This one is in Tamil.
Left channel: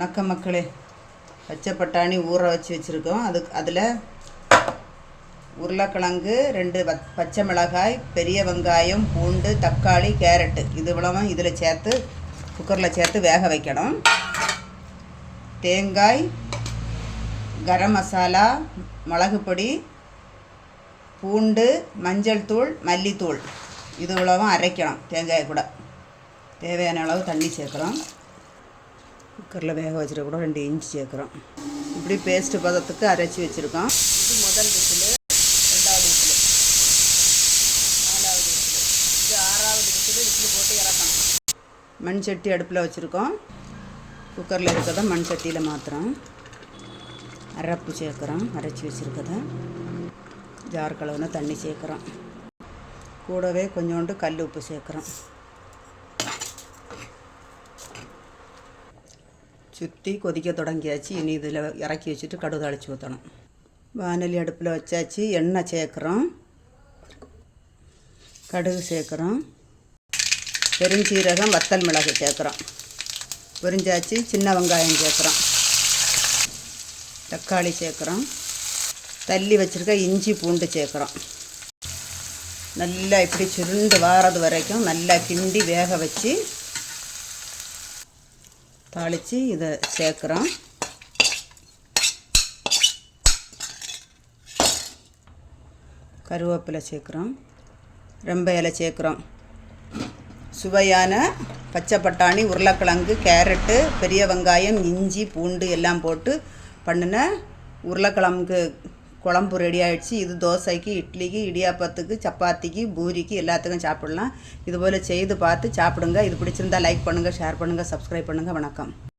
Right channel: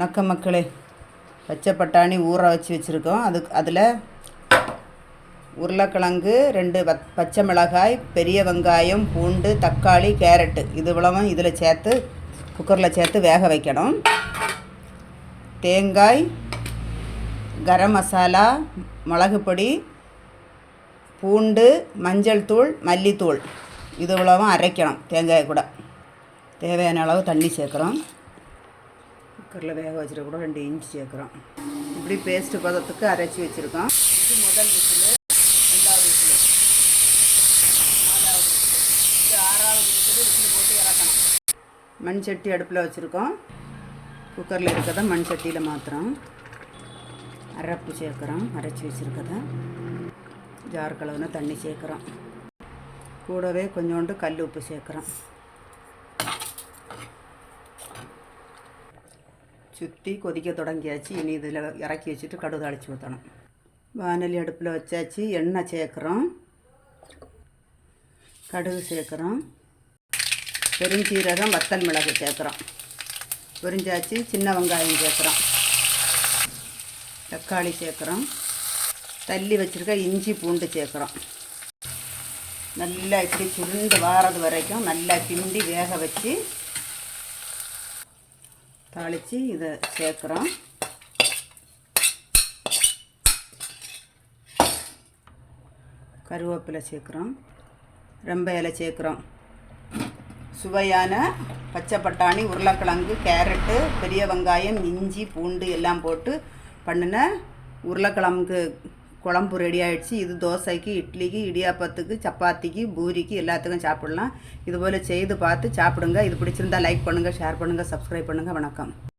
வணக்கம் மக்களே. பச்சை பட்டாணி ஊற வச்சு வச்சுருக்கோம். அதுக்கு அதில் உருளைக்கிழங்கு ரெண்டு பத் பச்சை மிளகாய் பெரிய வெங்காயம் பூண்டு தக்காளி கேரட்டு. இது இவ்வளவும் இதில் சேர்த்து குக்கரில் சேர்த்து வேக வைக்கணும். தேங்காய் கரம் மசாலா மிளகு பொடி பூண்டு மஞ்சள் தூள் மல்லித்தூள். இது இவ்வளவும் அரைக்கணும். தேங்காய் கூட. தேவையான அளவு தண்ணி சேர்க்குறோம் குக்கரில் வேக வச்சுட்டு கூட ரெண்டு இன்ச்சு சேர்க்குறோம். இப்படி பேஸ்ட்டு பதத்துக்கு அரைச்சி வச்சுருக்கோம். இது முதல் விசில் ரெண்டாவது விசிலு நாலாவது விசில் இது ஆறாவது விசில் விசில் போட்டு இறக்கணும். மண் சட்டி அடுப்பில் வச்சுருக்கோம். குக்கரில் இருக்கிறத மண் சட்டியில் மாத்திரம் அரப்பு சேர்க்குறோம். அரைச்சி வச்சுருக்கத ஜார் கலவுன தண்ணி சேர்க்குறோம். கூடவே கொஞ்சோண்டு கல் உப்பு சேர்க்குறோம். சுற்றி கொதிக்க தொடங்கியாச்சு. இனி இதில் இறக்கி வச்சுட்டு கடுகு அழைச்சி ஊற்றணும் வானலி அடுப்பில் வச்சாச்சு. எண்ணெய் சேர்க்குறோம். கடுகு சேர்க்குறோம். பெருஞ்சீரகம் வத்தல் மிளகு சேர்க்குறோம். பொரிஞ்சாச்சு. சின்ன வெங்காயம் சேர்க்குறோம். தக்காளி சேர்க்குறோம். தள்ளி வச்சுருக்க இஞ்சி பூண்டு சேர்க்குறோம். நல்லா இப்படி சுருண்டு வாரது வரைக்கும் நல்லா கிண்டி வேக வச்சு தாளித்து இதை சேர்க்குறோம். கருவேப்பிலை சேர்க்குறோம். ரொம்ப இலை சேர்க்குறோம். சுவையான பச்சை பட்டாணி உருளைக்கிழங்கு கேரட்டு பெரிய வெங்காயம் இஞ்சி பூண்டு எல்லாம் போட்டு பண்ணின உருளைக்கிழங்கு குழம்பு ரெடி ஆகிடுச்சு இது தோசைக்கு இட்லிக்கு இடியாப்பத்துக்கு சப்பாத்திக்கு பூரிக்கு எல்லாத்துக்கும் சாப்பிடலாம். இதுபோல் செய்து பார்த்து சாப்பிடுங்க. இது பிடிச்சிருந்தா லைக் பண்ணுங்கள் ஷேர் பண்ணுங்கள் சப்ஸ்கிரைப் பண்ணுங்கள் வணக்கம்.